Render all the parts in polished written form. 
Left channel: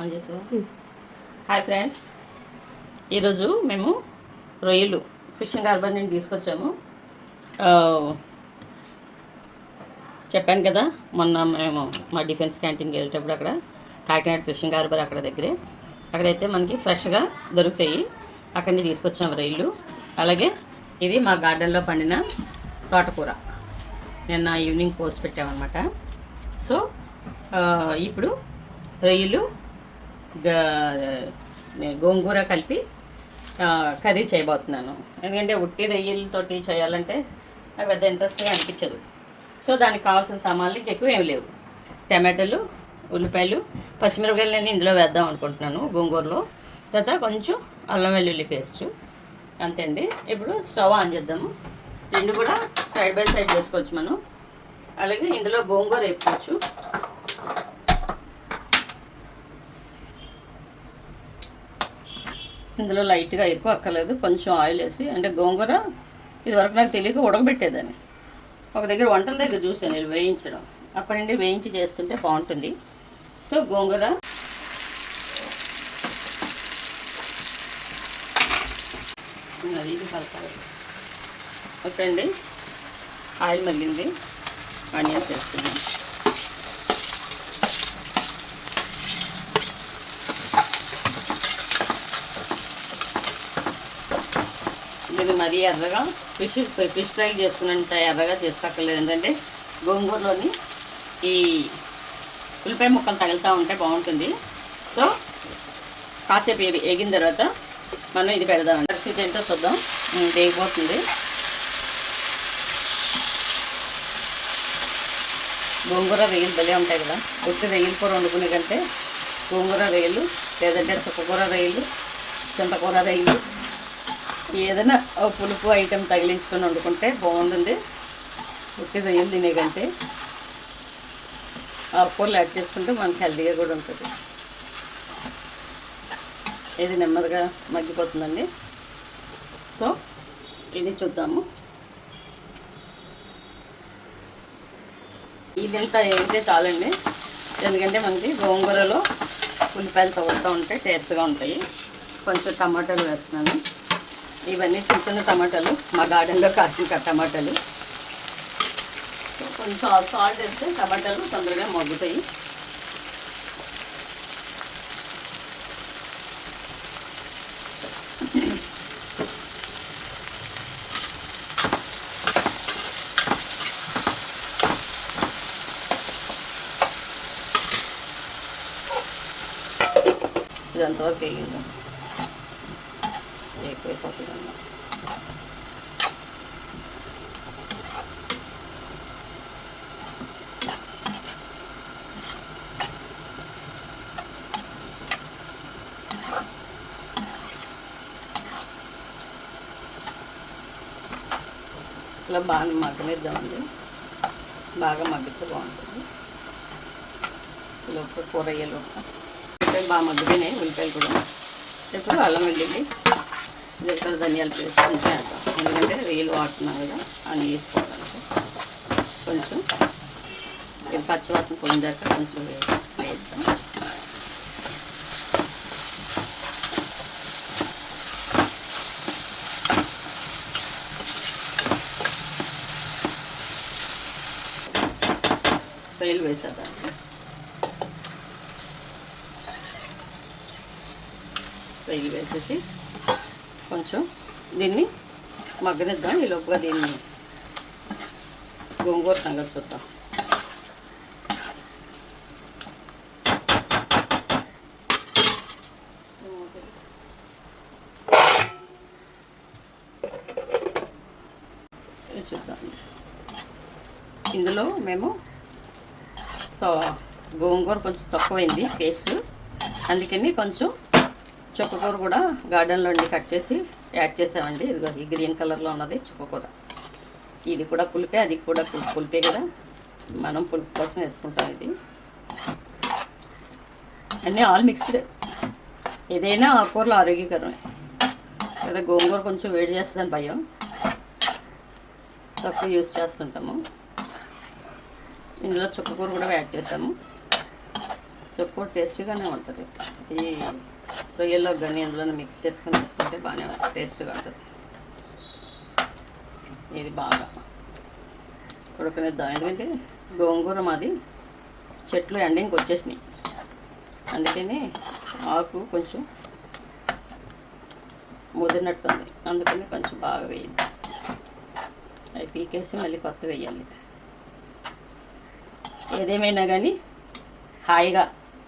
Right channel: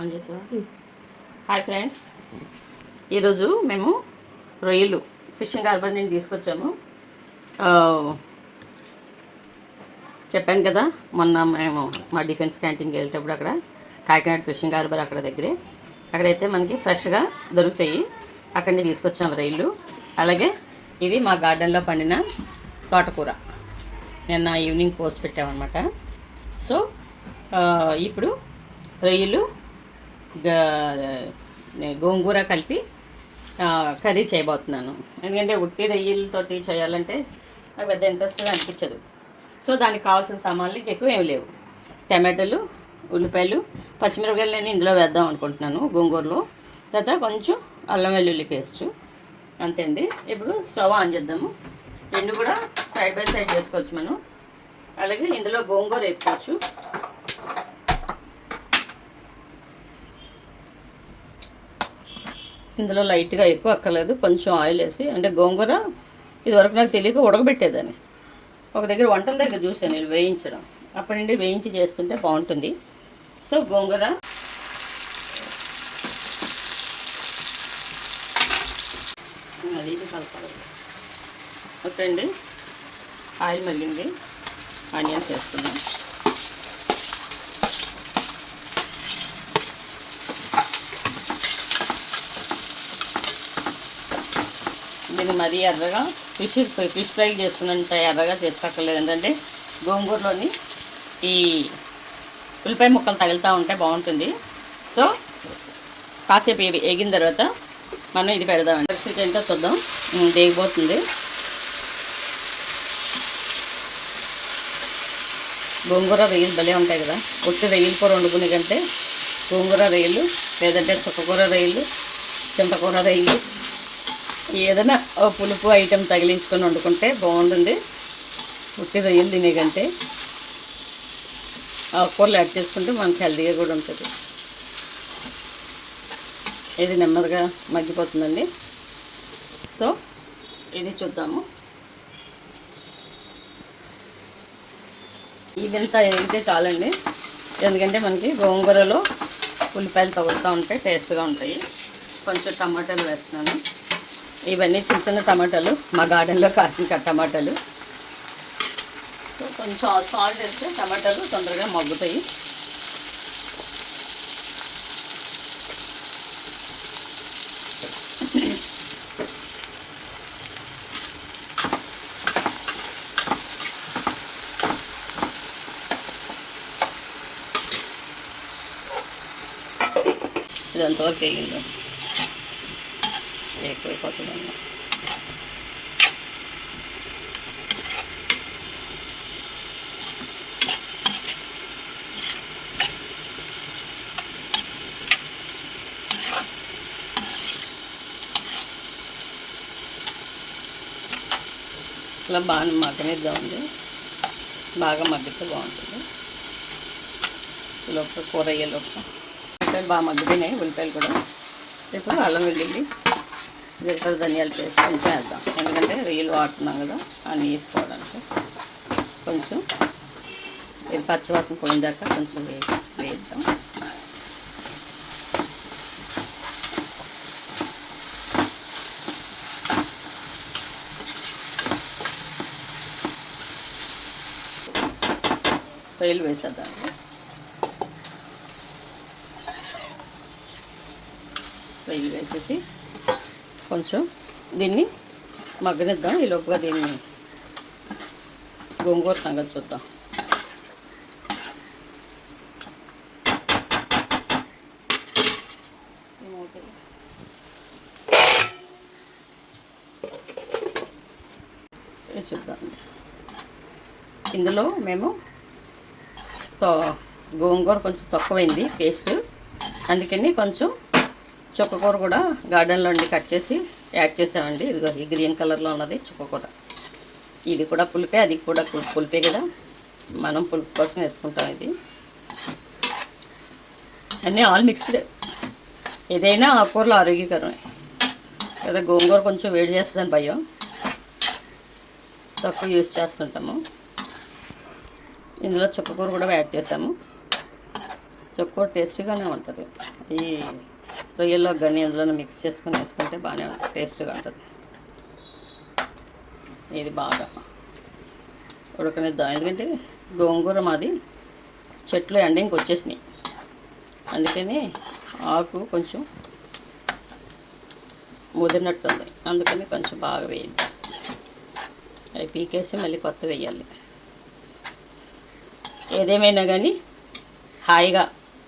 On చేసావా? Hi friends, ఈరోజు మేము రొయ్యలు ఫిషింగ్ హార్బర్ నుండి తీసుకొచ్చాము. చెప్పాను కదా, మొన్న మేము మా డిఫెన్స్ క్యాంటీన్కి వెళ్ళేటప్పుడు అక్కడ కాకినాడ ఫిషింగ్ హార్బర్ అక్కడ దగ్గరే, అక్కడైతే మనకి ఫ్రెష్గా దొరుకుతాయి. అక్కడి నుంచి తీసుకొచ్చాము రొయ్యలు. అలాగే ఇది మా గార్డెన్లో పండిన తోటకూర నిన్న ఈవినింగ్ పోస్ట్ పెట్టామన్నమాట. సో ఇప్పుడు రొయ్యలు గోంగూర కలిపి కర్రీ చేయబోతున్నాను. ఎందుకంటే ఉట్టి రొయ్యలతోటి చేయాలంటే పెద్ద ఇంట్రెస్ట్గా అనిపించదు. సో దానికి కావాల్సిన సామాన్లు ఎక్కువ ఏమి లేవు. టమాటాలు, ఉల్లిపాయలు, పచ్చిమిరపకాయలు ఇందులో వేద్దాం అనుకుంటున్నాను గోంగూరలో. తర్వాత కొంచెం అల్లం వెల్లుల్లి పేస్ట్, అంతే అండి. ఇప్పుడు స్టవ్ ఆన్ చేద్దాము. రెండు కూడా సైడ్ బై సైడ్ చేసుకోవచ్చు మనం. అలాగే ఇందులో గోంగూర వేసుకోవచ్చు. ఇందులో లైట్గా ఎక్కువ అక్కర్లేదు, కొంచెం ఆయిల్ వేసి, అంటే గోంగూర ఇదివరకు నాకు తెలియక ఉడకబెట్టేదాన్ని. ఒక దగ్గర వంటల దగ్గర చూసాను నేను వేయించడం, అప్పటి నుండి వేయించి చేస్తుంటే బాగుంటుంది. సో గోంగూర అది ఇది కలపాలి. ఓకే అండి, ఆయిల్ మగ్గింది, ఆనియన్స్ వేస్తున్నాం. దీన్ని మరీ ఎర్రగా ఫిష్ ఫ్రై చేసుకున్నంత ఎర్రగా చేసుకోక్కర్లేదు. ఏంటంటే గోంగూరలోని ఈ ఉల్లిపాయ ముక్కలు తగులుతూ ఉంటే బాగుంటుంది. సో కాసేపు ఎగిన తర్వాత మనం ఇది పెడదాం. పరిస్థితి ఏంటో చూద్దాం. వేగిపోతుంది. గోంగూర రొయ్యలు భలే ఉంటాయి కదా. ఉత్తి రొయ్యల కూర వండుకునే కంటే గోంగూర రొయ్యలు, లేదంటే చుక్కకూర రొయ్యలు, చింతకూర రొయ్యలు, ఏదైనా పులుపు ఐటెం తగిలించుకొని వండుకుంటే బాగుంటుంది. ఉత్తి రొయ్యలు తినే కంటే ఆకుకూరలు యాడ్ చేసుకుంటే మనకి హెల్తీగా కూడా ఉంటుంది. ఇది నెమ్మదిగా మగ్గిపోతుందండి. సో ఇది చూద్దాము. ఇదంతా అయితే చాలండి, ఎందుకంటే మనకి గోంగూరలో ఉల్లిపాయలు తగులుతూ ఉంటే టేస్ట్గా ఉంటాయి. కొంచెం టమాటాలు వేస్తున్నాను. ఇవన్నీ చిన్న చిన్న టమాటాలు, మా గార్డెన్లో కాసిన టమాటాలు. కొంచెం సాల్ట్ వేస్తే టమాటాలు తొందరగా మగ్గుతాయి. ఇదంతవరకు వేగింది, ఎక్కువైపోతుందన్న. ఇలా బాగా మగ్గనిద్దామండి. బాగా మగ్గితే బాగుంటుంది. లోపల కూర అయ్యేలోపు ఉల్లిపాయలు బాగా మగ్గిపోయినాయి. ఉల్లిపాయలు కూడా ఇప్పుడు అల్లం వెల్లుల్లి, జీలకర్ర, ధనియాల పేస్ట్ కొంచెం వేద్దాం. ఎందుకంటే రొయ్యలు వాడుతున్నాం కదా అన్నీ వేసుకోవడానికి. కొంచెం ఇది పచ్చివాసన పోయిందాక కొంచెం వేద్దాం. రొయ్యలు వేసేద్దాం. రొయ్యలు వేసేసి కొంచెం దీన్ని మగ్గనిద్దాం. ఈ లోపుగా దీన్ని గోంగూర సంగతి చూద్దాం. చూద్దాం. ఇందులో మేము గోంగూర కొంచెం తక్కువైంది పేస్ట్, అందుకని కొంచెం చుక్కకూర కూడా గార్డెన్లో కట్ చేసి యాడ్ చేసామండి. ఇదిగో ఈ గ్రీన్ కలర్లో ఉన్నది చుక్కకూర. ఇది కూడా పులిపే, అది కూడా పులిపే కదా, మనం పులుపు కోసం వేసుకుంటాం. ఇది అన్నీ ఆల్ మిక్స్డ్. ఏదైనా ఆకుకూరలు ఆరోగ్యకరమే కదా. గోంగూర కొంచెం వేడి చేస్తుందని భయం, తక్కువ యూజ్ చేస్తుంటాము. ఇందులో చుక్కకూర కూడా యాడ్ చేసాము. సో ఎక్కువ టేస్ట్గానే ఉంటుంది. ఈ రొయ్యల్లో కానీ అందులో మిక్స్ చేసుకొని వేసుకుంటే బాగానే ఉంటుంది, టేస్ట్గా ఉంటుంది. ఇది బాగా ఉడకనిద్దాం, ఎందుకంటే గోంగూర మాది చెట్లు ఎండింగ్కి వచ్చేసినాయి, అందుకని ఆకు కొంచెం ముదిరినట్టుంది, అందుకని కొంచెం బాగా వేయద్దు. అవి పీకేసి మళ్ళీ కొత్త వేయాలి. ఏదేమైనా కానీ హాయిగా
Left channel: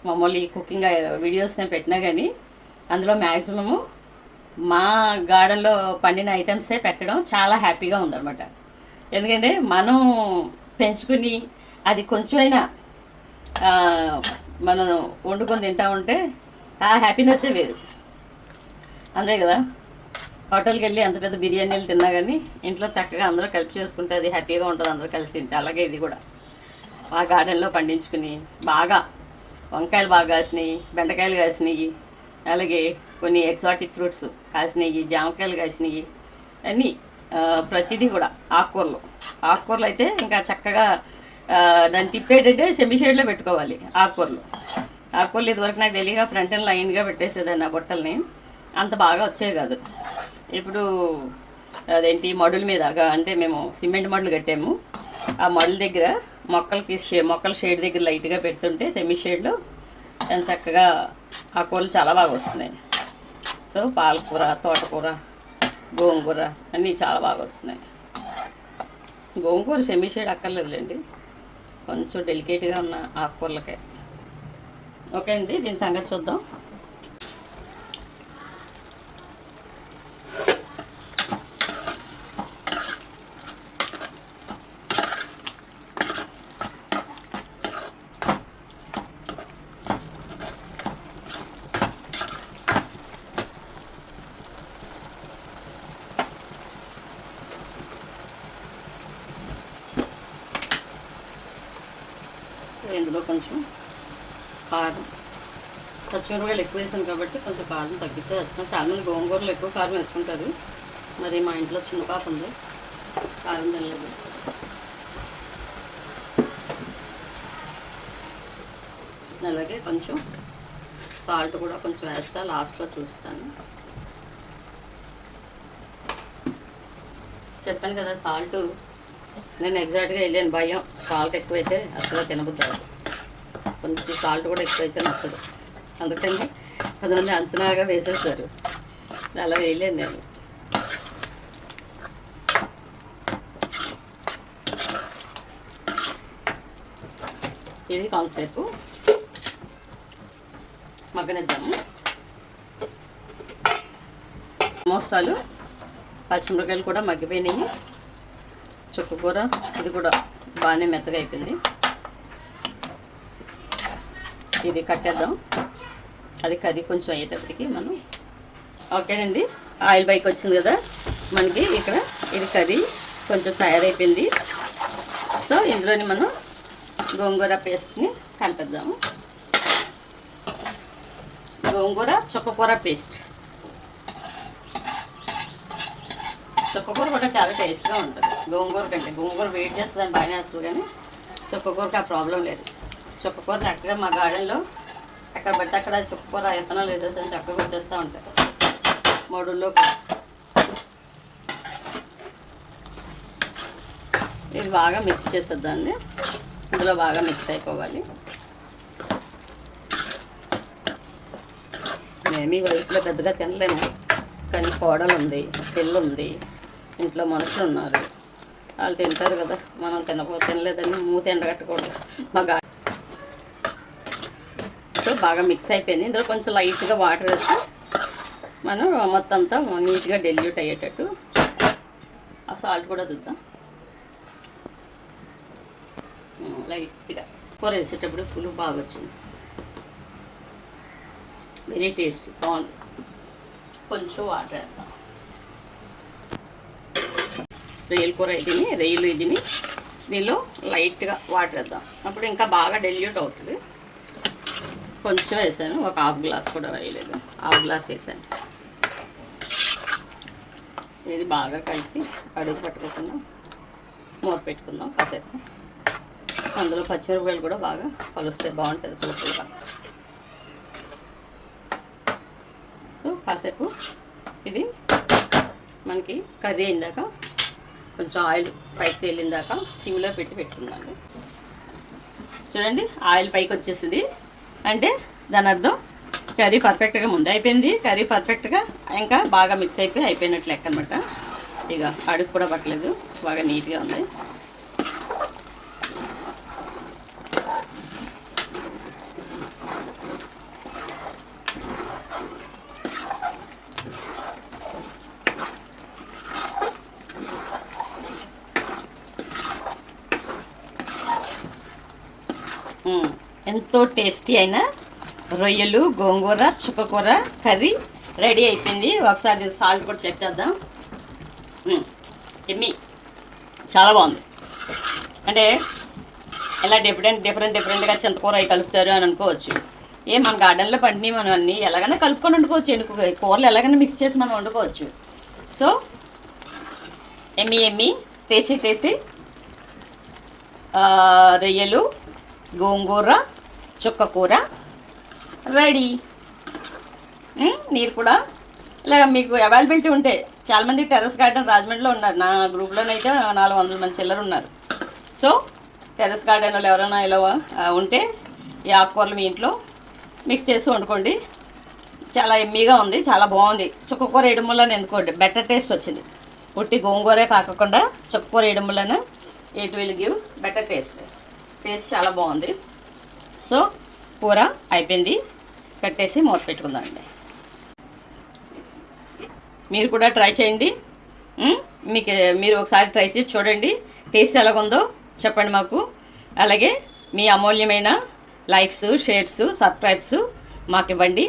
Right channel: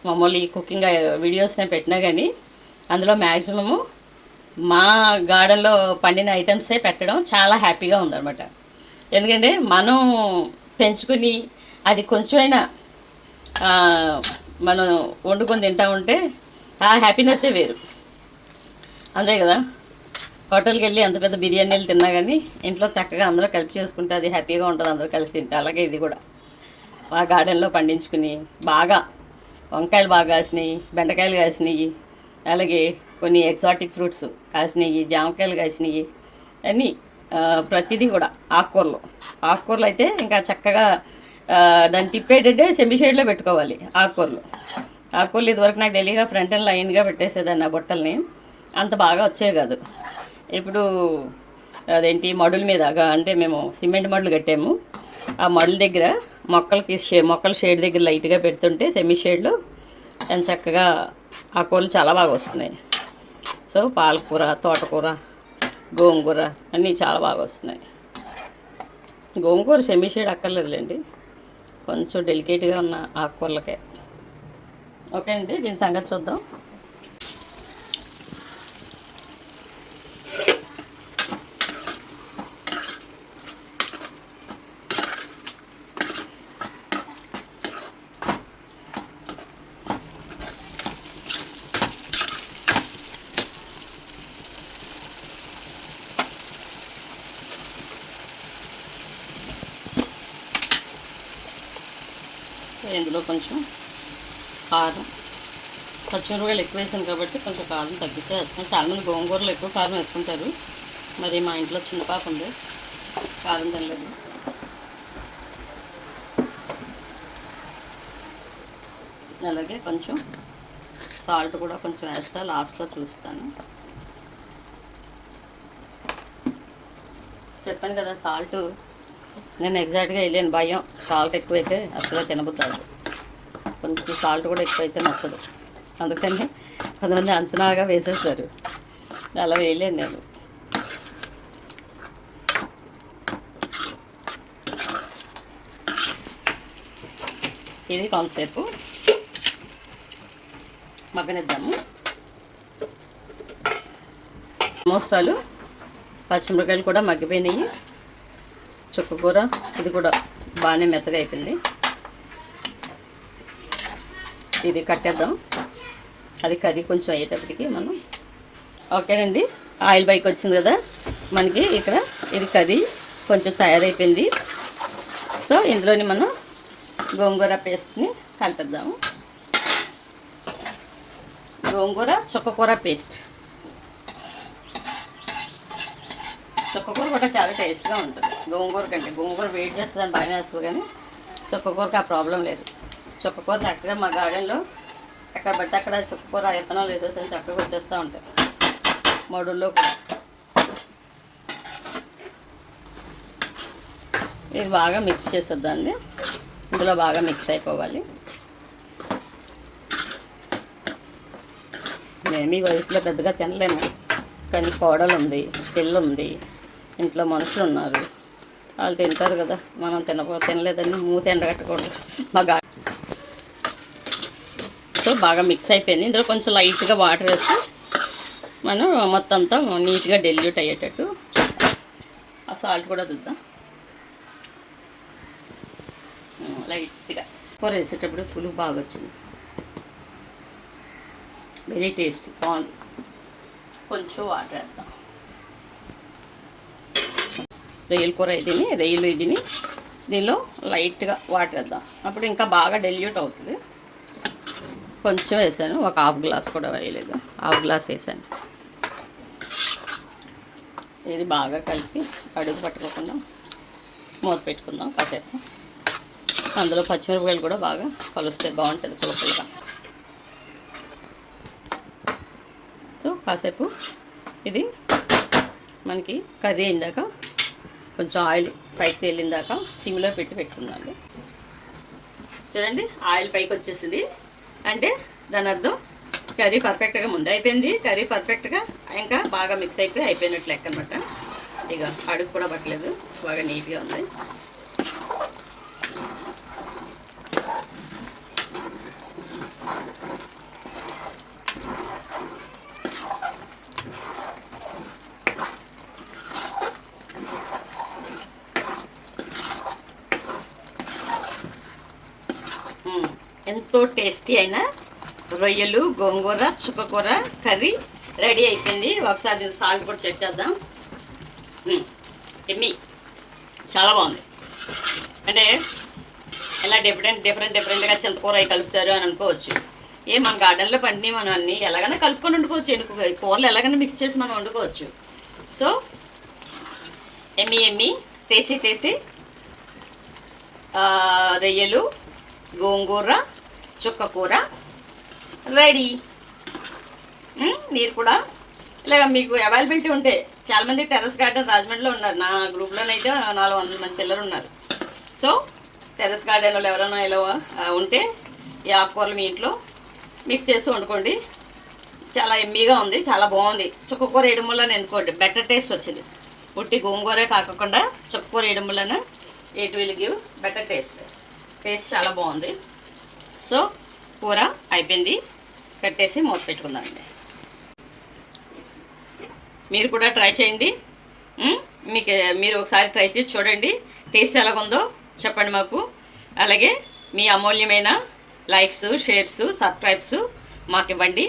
మామూలు ఈ కుకింగ్ వీడియోస్ నేను పెట్టినా కానీ అందులో మ్యాక్సిమము మా గార్డెన్లో పండిన ఐటమ్సే పెట్టడం చాలా హ్యాపీగా ఉందన్నమాట. ఎందుకంటే మనం పెంచుకుని అది కొంచెమైనా మనం వండుకొని తింటా ఉంటే ఆ హ్యాపీనెస్సే వేరు, అంతే కదా. హోటల్కి వెళ్ళి అంత పెద్ద బిర్యానీలు తిన్నా కానీ ఇంట్లో చక్కగా అందరూ కలిపి చేసుకుంటే అది హ్యాపీగా ఉంటుంది, అందరూ కలిసి తింటే. అలాగే ఇది కూడా మా గార్డెన్లో పండించుకుని బాగా వంకాయలు బాగా కాసినాయి, బెండకాయలు కాసినాయి, అలాగే కొన్ని ఎగ్జాటిక్ ఫ్రూట్స్ కాసినాయి, జామకాయలు కాసినాయి, అన్నీ ప్రతిదీ కూడా. ఆకుకూరలు అయితే ఇంకా చక్కగా దాన్ని తిప్పేటంటే సెమీ షేడ్లో పెట్టుకోవాలి. ఆకుకూరలు ఇదివరకు నాకు తెలియక ఫ్రంట్ అండ్ లైన్గా పెట్టేసేదాన్ని ఆ బుట్టల్ని, అంత బాగా వచ్చేవి కాదు. ఇప్పుడు అదేంటి మడుల మీద, అంటే మేము సిమెంట్ మడులు కట్టాము, ఆ మడుల దగ్గర మొక్కల షేడ్ దగ్గర లైట్గా పెడుతుంటే సెమీ షేడ్లో ఎంత చక్కగా ఆకుకూరలు చాలా బాగా వస్తున్నాయి. సో పాలకూర, తోటకూర, గోంగూర అన్నీ చాలా బాగా వస్తున్నాయి. గోంగూర సెమీ షేడ్ అక్కర్లేదులేండి, కొంచెం డెలికేట్గా ఉన్న ఆకుకూరలకే. ఓకే అండి, దీని సంగతి చూద్దాం. ఇందులో కొంచెం కారం, పచ్చిమిరపకాయలు ఎక్కువ వేసాను కాబట్టి కొంచెం కారం తగ్గితే వేస్తాను. చాలామంది గోంగూరలు ఎక్కువ కారం వేసుకుంటారు, మరి మా ఇంట్లో చిన్న పాప ఉంది, కారం తినలేదు. అలాగే కొంచెం సాల్ట్ కూడా కొంచెం వేస్తా, లాస్ట్లో చూస్తాను. చెప్పాను కదా సాల్ట్ నేను ఎగ్జాక్ట్గా వెళ్ళాను, భయం సాల్ట్ ఎక్కువైతే అసలు తినబుద్దాదు, కొంచెం సాల్ట్ కూడా ఎక్కువైతే నచ్చదు, అందుకని కొంతమంది అంచనాగా వేసేస్తారు, అలా వేయలేను నేను. ఇది కాన్సెప్ట్ మగ్గనిద్దాము. మోస్టాలు పచ్చిమిరపకాయలు కూడా మగ్గిపోయినాయి, చుక్కకూర ఇది కూడా బాగానే మెత్తగా అయిపోయింది. ఇది కట్టేద్దాం, అది కర్రీ కొంచెం అయ్యేటప్పటికి మనం. ఓకేనండి, ఆయిల్ పైకి వచ్చింది కదా మనకి, ఇక్కడ ఇది కర్రీ కొంచెం తయారైపోయింది. సో ఇందులోని మనం గోంగూర పేస్ట్ని కలిపేద్దాము. గోంగూర చుక్కకూర పేస్ట్, చుక్కకూర కూడా చాలా టేస్ట్గా ఉంటుంది గోంగూర కంటే. గోంగూర వెయిట్ చేస్తుందని బాగానే వస్తుంది, కానీ చుక్కకూరకి ఆ ప్రాబ్లం లేదు. చుక్కకూర చక్కగా మా గార్డెన్లో ఎక్కడ పడితే అక్కడ చుక్కకూర విత్తనాలు వేసేసి చక్కగా వచ్చేస్తూ ఉంటాయి మడుల్లో. ఇది బాగా మిక్స్ చేసేద్దాన్ని, ఇందులో బాగా మిక్స్ అయిపోవాలి. మేము ఈ వయసులో పెద్దగా తినలేము, కానీ కోడలు ఉంది, పిల్ల ఉంది, ఇంట్లో మనుషులు ఉన్నారు, వాళ్ళు తింటారు కదా, మనం తినలేదని మూత ఎండగట్టకూడదు మా గార్డెన్. సో బాగా మిక్స్ అయిపోయింది. ఇందులో కొంచెం లైట్గా వాటర్ వేసి మనం మొత్తం అంతా నీట్గా డెల్యూట్ అయ్యేటట్టు. ఆ సాల్ట్ కూడా చూద్దాం, లైట్గా. కూర వేసేటప్పుడు పులుపు బాగా వచ్చింది, వెరీ టేస్టీ, బాగుంది. కొంచెం వాటర్ వేద్దాం. రొయ్యల కూర ఇదిని, రొయ్యలు ఇదిని దీనిలో లైట్గా వాటర్ వేద్దాం, అప్పుడు ఇంకా బాగా డెల్యూట్ అవుతుంది. కొంచెం వేసాను, ఒక హాఫ్ గ్లాస్ కూడా వేయలేదు, హాఫ్ గ్లాస్ వేసాను. ఇది బాగా కలిపి అడుగు పట్టుకోకుండా మూత పెట్టుకుందాం కాసేపు. అందులో పచ్చిమిరపకాయలు కూడా బాగా కలుస్తే బాగుంటుంది పులుపులుగా. కాసేపు ఇది మనకి కర్రీ అయిందాక కొంచెం ఆయిల్ పైకి తేలిందాక సిమ్లో పెట్టుకున్నాను. చూడండి ఆయిల్ పైకి వచ్చేసింది అంటే దాని అర్థం కర్రీ పర్ఫెక్ట్గా ముందు అయిపోయింది. కర్రీ పర్ఫెక్ట్గా ఇంకా బాగా మిక్స్ అయిపోయినట్లు లెక్క అనమాట. ఇక అడుగు కూడా పట్టలేదు, బాగా నీట్గా ఉంది. ఎంతో టేస్టీ అయిన రొయ్యలు గోంగూర చుక్కకూర కర్రీ రెడీ అయిపోయింది. ఒకసారి సాల్ట్ కూడా చెక్ చేద్దాం. ఎమ్మి చాలా బాగుంది. అంటే ఎలా డిఫరెంట్గా చింతకూర అవి కలుపుతారు అని అనుకోవచ్చు. మన గార్డెన్లో పండిని మనం అన్నీ ఎలాగైనా కలుపుకొని వండుకోవచ్చు. కూరలు ఎలాగైనా మిక్స్ చేసి మనం వండుకోవచ్చు. సో ఎమ్మి టేస్టీ రొయ్యలు గోంగూర చుక్కకూర రెడీ. మీరు కూడా ఇలా మీకు అవైలబిలిటీ ఉంటే, చాలామంది టెర్రస్ గార్డెన్ రాజమండ్రిలో ఉన్నారు. నా గ్రూప్లోనైతే 400 మంది చిల్లరు ఉన్నారు. సో టెర్రస్ గార్డెన్లో ఎవరైనా ఇలా ఉంటే ఈ ఆకుకూరలు మీ ఇంట్లో మిక్స్ చేసి వండుకోండి. చాలా ఎమ్మీగా ఉంది, చాలా బాగుంది. చుక్కకూర వేయడం వల్ల ఎందుకోండి బెటర్ టేస్ట్ వచ్చింది. ఉట్టి గోంగూరే కాకుండా చుక్కకూర వేయడం వలన it will give better taste చాలా బాగుంది. సో కూర అయిపోయింది, కట్టేసి మూత పెట్టుకుందామండి. మీరు కూడా ట్రై చేయండి. మీరు ఒకసారి ట్రై చేసి చూడండి, టేస్ట్ ఎలాగుందో చెప్పండి మాకు. అలాగే మీ అమూల్యమైన లైక్స్, షేర్స్, సబ్స్క్రైబ్స్ మాకు ఇవ్వండి.